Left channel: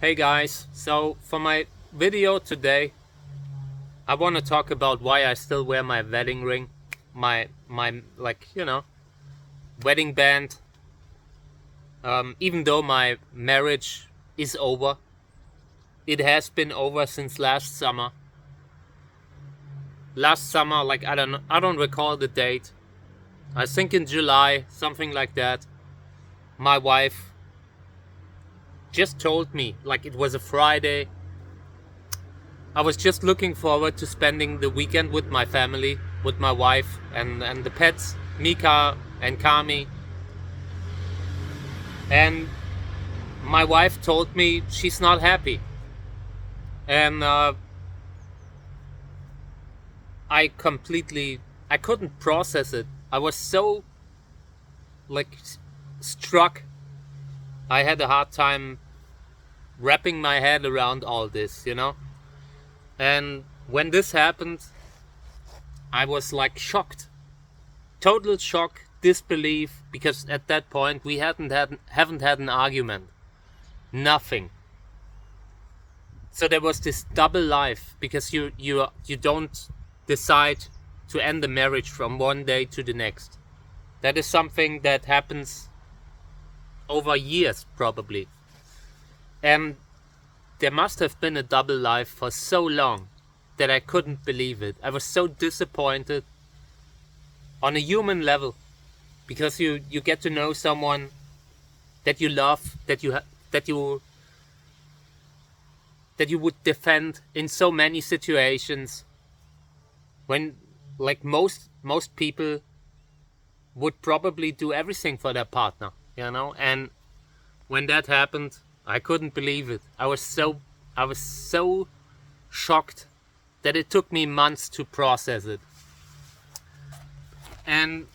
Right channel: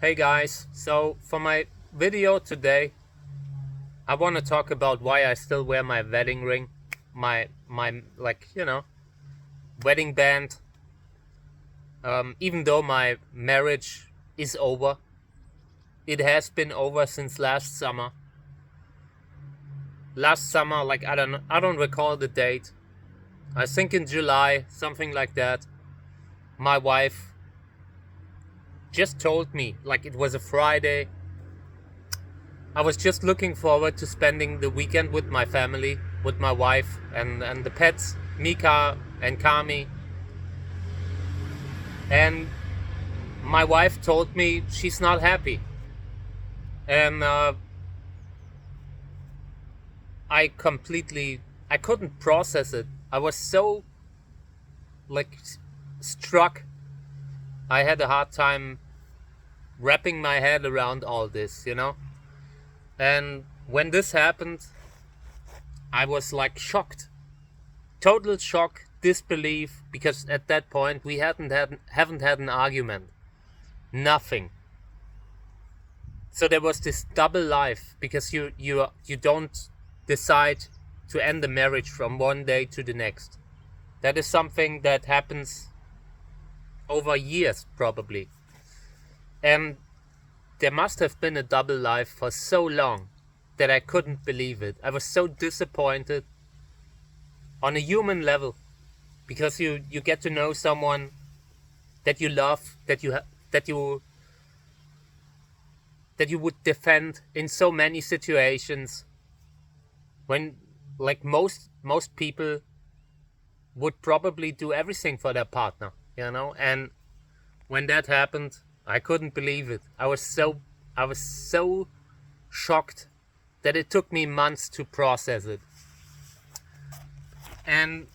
Hey guys, so for my video today, I want to talk about why I still wear my wedding ring, my wedding band, even though my marriage is over. It has been over since last summer. Last summer, like I don't recall the date. I think in July, something like that. My wife just told me, like it was a Friday. I was just looking forward to spending the weekend with my family, with my wife and the pets, Mika and Kami. And my wife told me she's not happy. And I couldn't process it. I was so like struck. I had a hard time wrapping my head around all this. And when this happened, I was like shocked. Total shock, disbelief, because at that point we haven't had an argument. Nothing. So there was this double life, because you don't decide to end the marriage from one day to the next. That is something that happens over years probably. And there must have been a double life for so long that I couldn't believe it. I was so disappointed on a human level, because you get to know someone that you love, that you would defend in so many situations, when like most people would probably do everything for their partner. And when that happened, I couldn't believe it. I was so shocked that it took me months to process it. And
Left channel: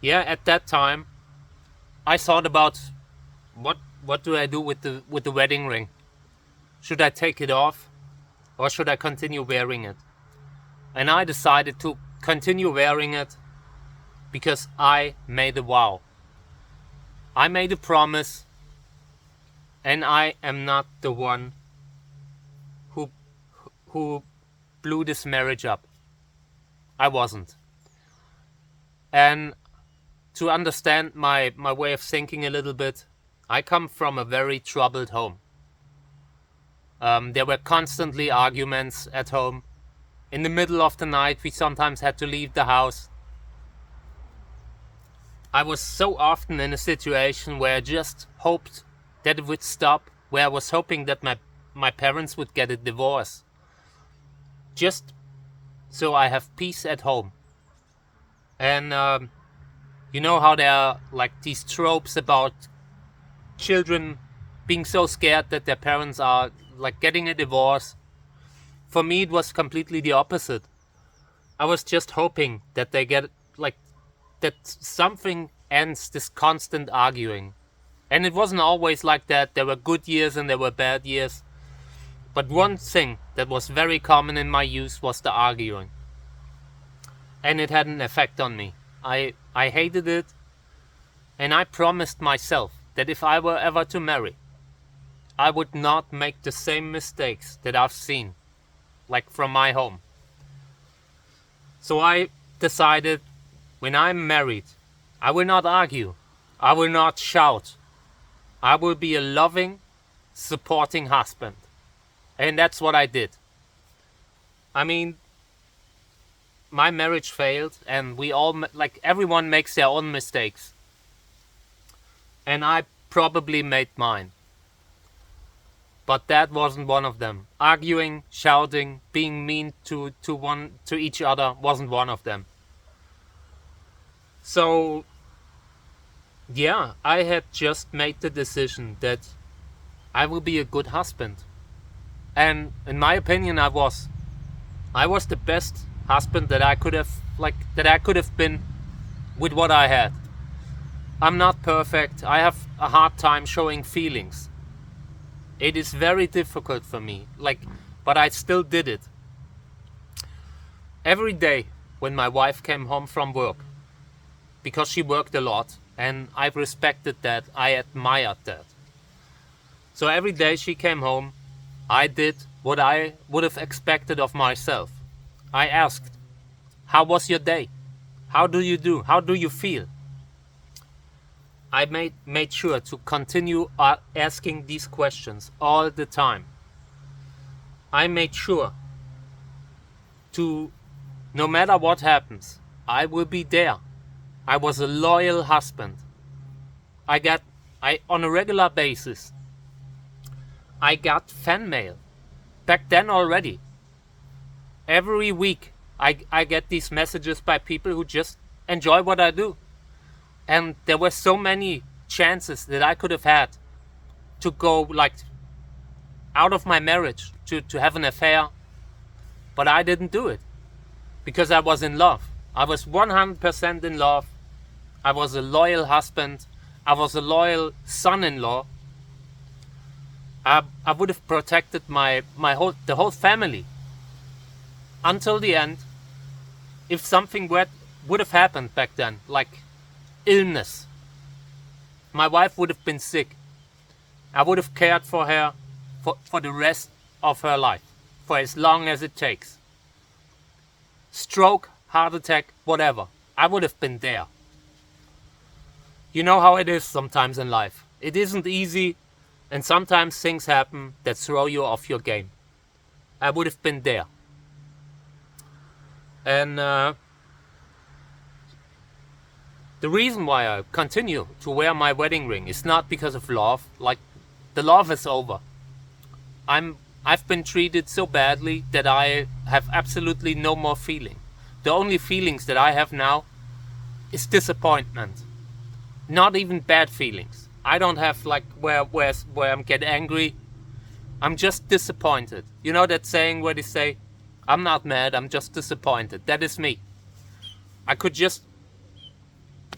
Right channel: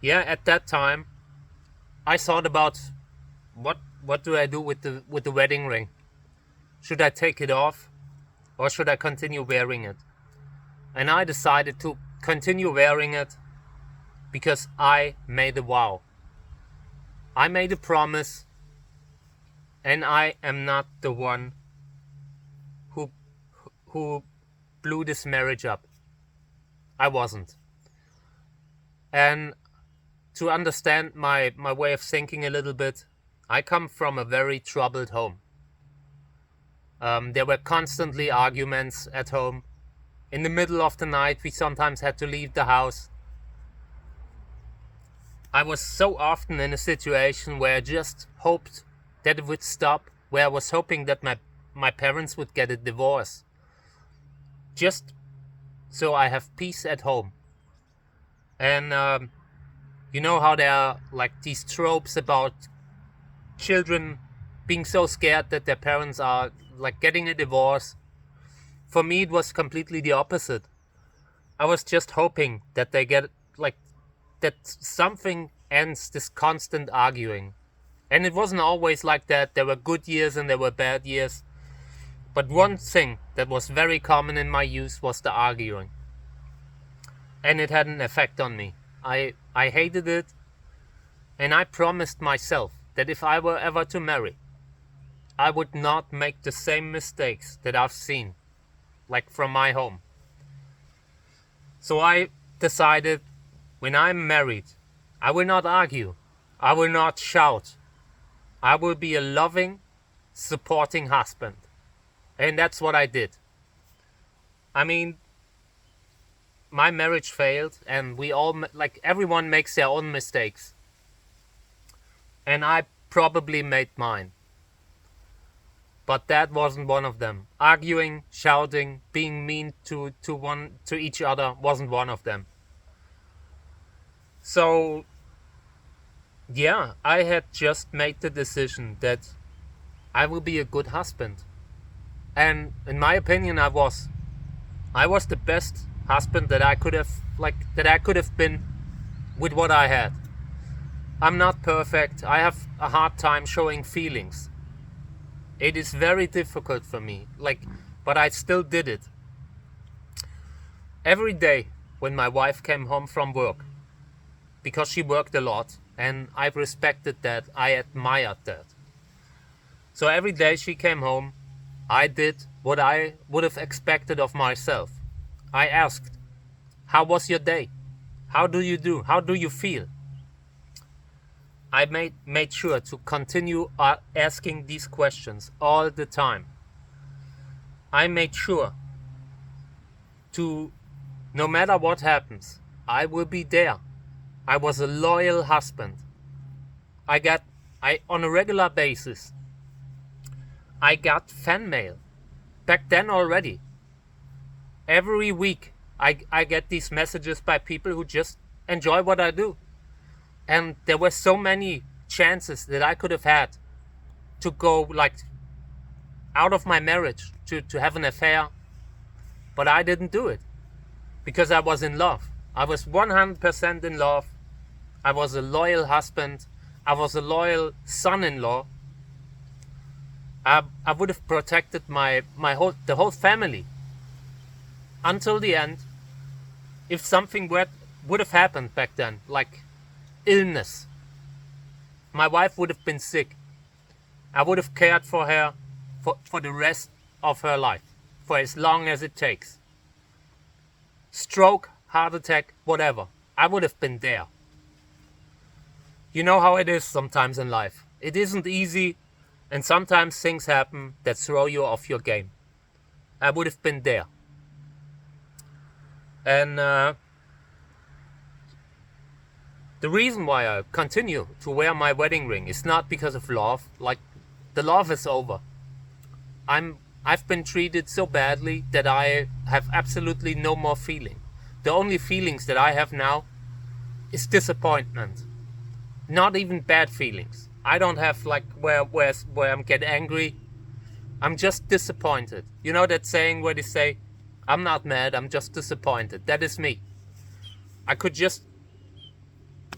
yeah, at that time I thought about what do I do with the wedding ring? Should I take it off, or should I continue wearing it? And I decided to continue wearing it, because I made a vow. I made a promise, and I am not the one who blew this marriage up. I wasn't. And to understand my way of thinking a little bit, I come from a very troubled home. There were constantly arguments at home. In the middle of the night, we sometimes had to leave the house. I was so often in a situation where I just hoped that it would stop, where I was hoping that my parents would get a divorce, just so I have peace at home. And you know how there are like these tropes about children being so scared that their parents are like getting a divorce. For me, it was completely the opposite. I was just hoping that they get that something ends this constant arguing. And it wasn't always like that. There were good years and there were bad years. But one thing that was very common in my youth was the arguing. And it had an effect on me. I hated it. And I promised myself that if I were ever to marry, I would not make the same mistakes that I've seen, like from my home. So I decided, when I'm married, I will not argue. I will not shout. I will be a loving, supporting husband. And that's what I did. I mean, my marriage failed, and everyone makes their own mistakes. And I probably made mine. But that wasn't one of them. Arguing, shouting, being mean to each other wasn't one of them. So yeah, I had just made the decision that I will be a good husband. And in my opinion, I was the best husband that I could have been with what I had. I'm not perfect. I have a hard time showing feelings. It is very difficult for me, but I still did it. Every day when my wife came home from work, because she worked a lot, and I respected that, I admired that. So every day she came home, I did what I would have expected of myself. I asked, how was your day? How do you do? How do you feel? I made sure to continue asking these questions all the time. I made sure to, no matter what happens, I will be there. I was a loyal husband. On a regular basis, I got fan mail. Back then already. Every week, I get these messages by people who just enjoy what I do. And there were so many chances that I could have had to go like out of my marriage, to have an affair. But I didn't do it because I was in love. I was 100% in love. I was a loyal husband. I was a loyal son-in-law. I would have protected the whole family until the end. If something would have happened back then, like illness, my wife would have been sick. I would have cared for her for the rest of her life, for as long as it takes. Stroke, heart attack, whatever. I would have been there. You know how it is sometimes in life. It isn't easy, and sometimes things happen that throw you off your game. I would have been there. And the reason why I continue to wear my wedding ring is not because of love. Like, the love is over. I've been treated so badly that I have absolutely no more feeling. The only feelings that I have now is disappointment. Not even bad feelings. I don't have like where I'm get angry. I'm just disappointed. You know that saying where they say, I'm not mad, I'm just disappointed. That is me. I could just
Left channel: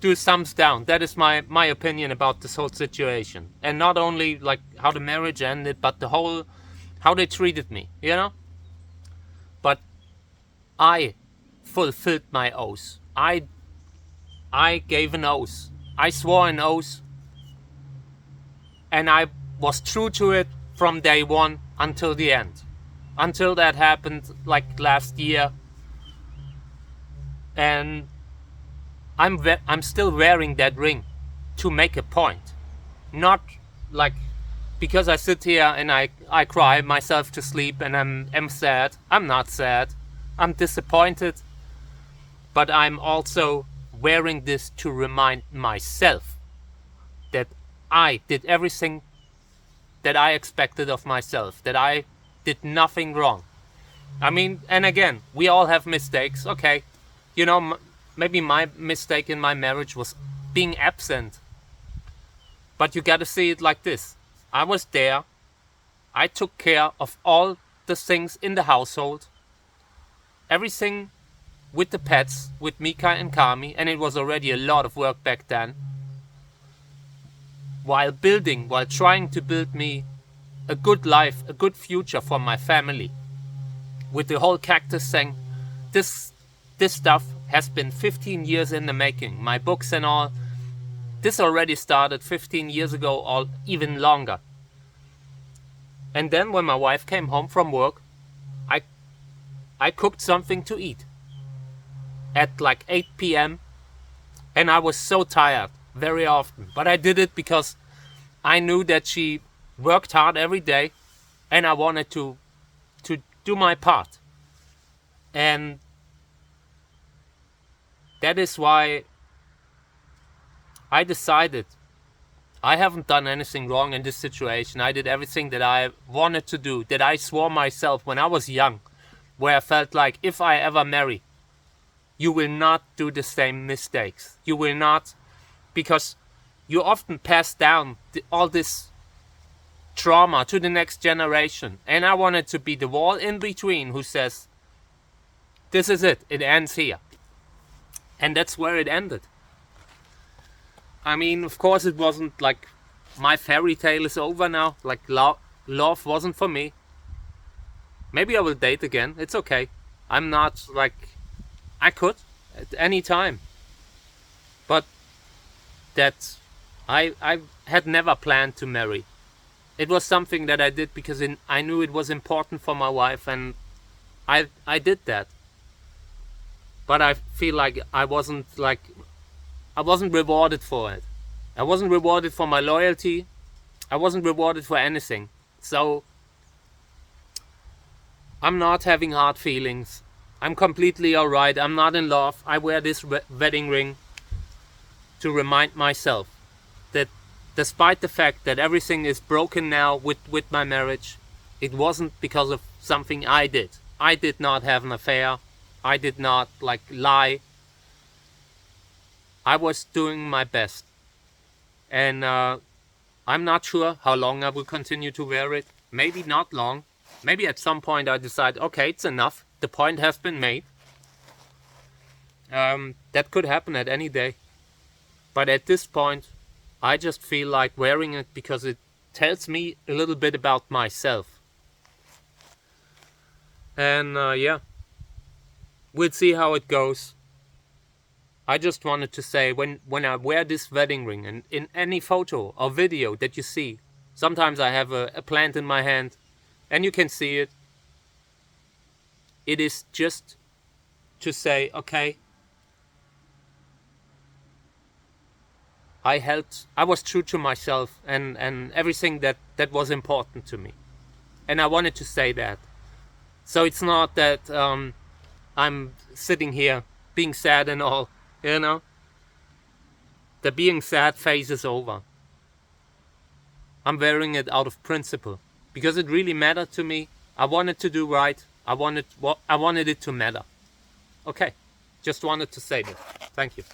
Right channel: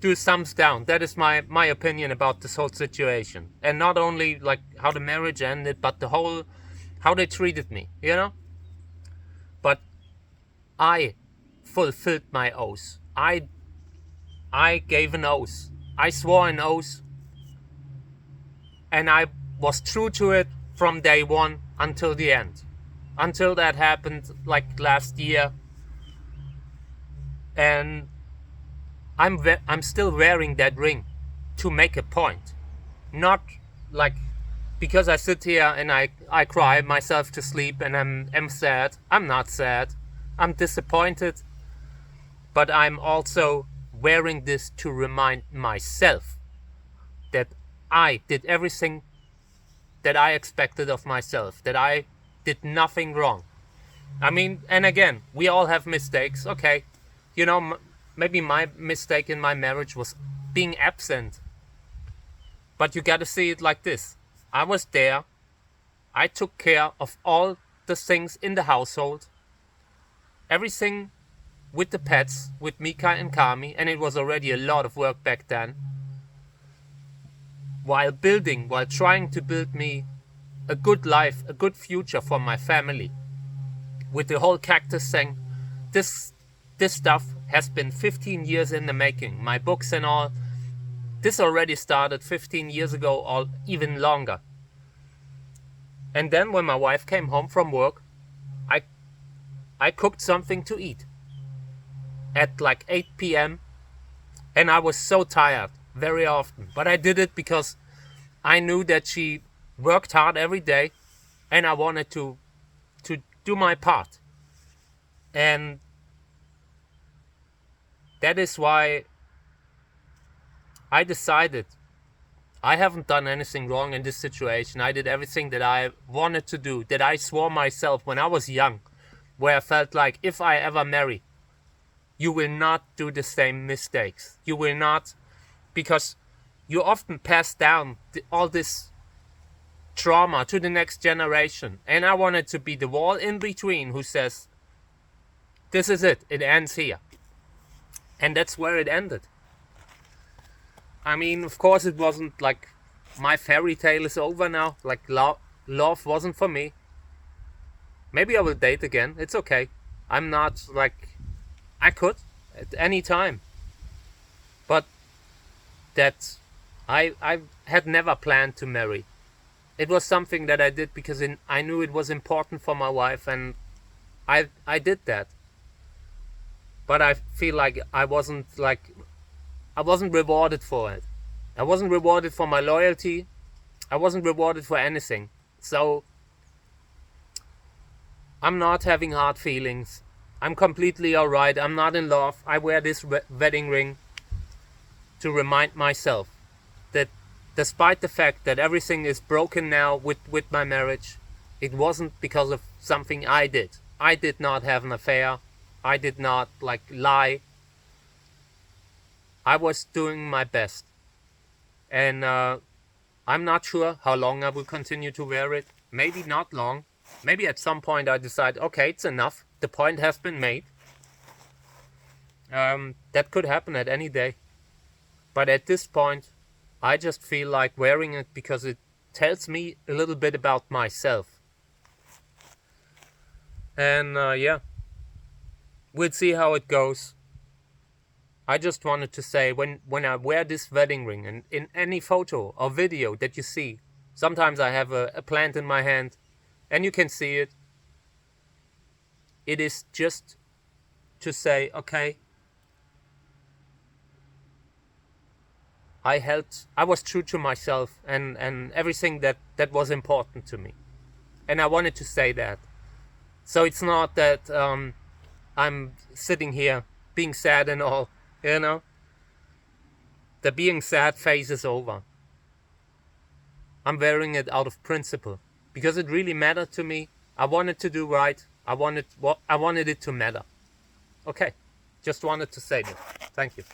do thumbs down. That is my opinion about this whole situation. And not only like how the marriage ended, but the whole, how they treated me, you know? But I fulfilled my oath. I gave an oath. I swore an oath. And I was true to it from day one until the end. Until that happened like last year. And I'm still wearing that ring to make a point. Not like because I sit here and I cry myself to sleep and I'm sad. I'm not sad. I'm disappointed. But I'm also wearing this to remind myself that I did everything that I expected of myself. That I did nothing wrong. I mean, and again, we all have mistakes. Okay, you know, maybe my mistake in my marriage was being absent. But you gotta see it like this. I was there. I took care of all the things in the household. Everything with the pets, with Mika and Kami, and it was already a lot of work back then. While trying to build me a good life, a good future for my family. With the whole Cactus thing, this stuff has been 15 years in the making. My books and all, this already started 15 years ago or even longer. And then when my wife came home from work, I cooked something to eat at like 8 p.m. and I was so tired very often. But I did it because I knew that she worked hard every day and I wanted to do my part. And that is why I decided I haven't done anything wrong in this situation. I did everything that I wanted to do, that I swore myself when I was young, where I felt like if I ever marry, you will not do the same mistakes. You will not, because you often pass down all this trauma to the next generation. And I wanted to be the wall in between who says, this is it, it ends here. And that's where it ended. I mean, of course it wasn't like my fairy tale is over now. Like love wasn't for me. Maybe I will date again. It's okay. I'm not like, I could at any time. But that I had never planned to marry. It was something that I did because I knew it was important for my wife, and I did that. But I feel like I wasn't rewarded for it. I wasn't rewarded for my loyalty. I wasn't rewarded for anything. So I'm not having hard feelings. I'm completely alright. I'm not in love. I wear this wedding ring to remind myself that despite the fact that everything is broken now with my marriage, it wasn't because of something I did. I did not have an affair. I did not lie. I was doing my best. And I'm not sure how long I will continue to wear it. Maybe not long. Maybe at some point I decide, okay, it's enough. The point has been made. That could happen at any day. But at this point, I just feel like wearing it because it tells me a little bit about myself. And yeah, we'll see how it goes. I just wanted to say, when I wear this wedding ring, and in any photo or video that you see, sometimes I have a plant in my hand, and you can see it. It is just to say, okay, I was true to myself and everything that was important to me. And I wanted to say that. So it's not that I'm sitting here being sad and all, you know. The being sad phase is over. I'm wearing it out of principle because it really mattered to me. I wanted to do right. I wanted it to matter. Okay, just wanted to say that. Thank you.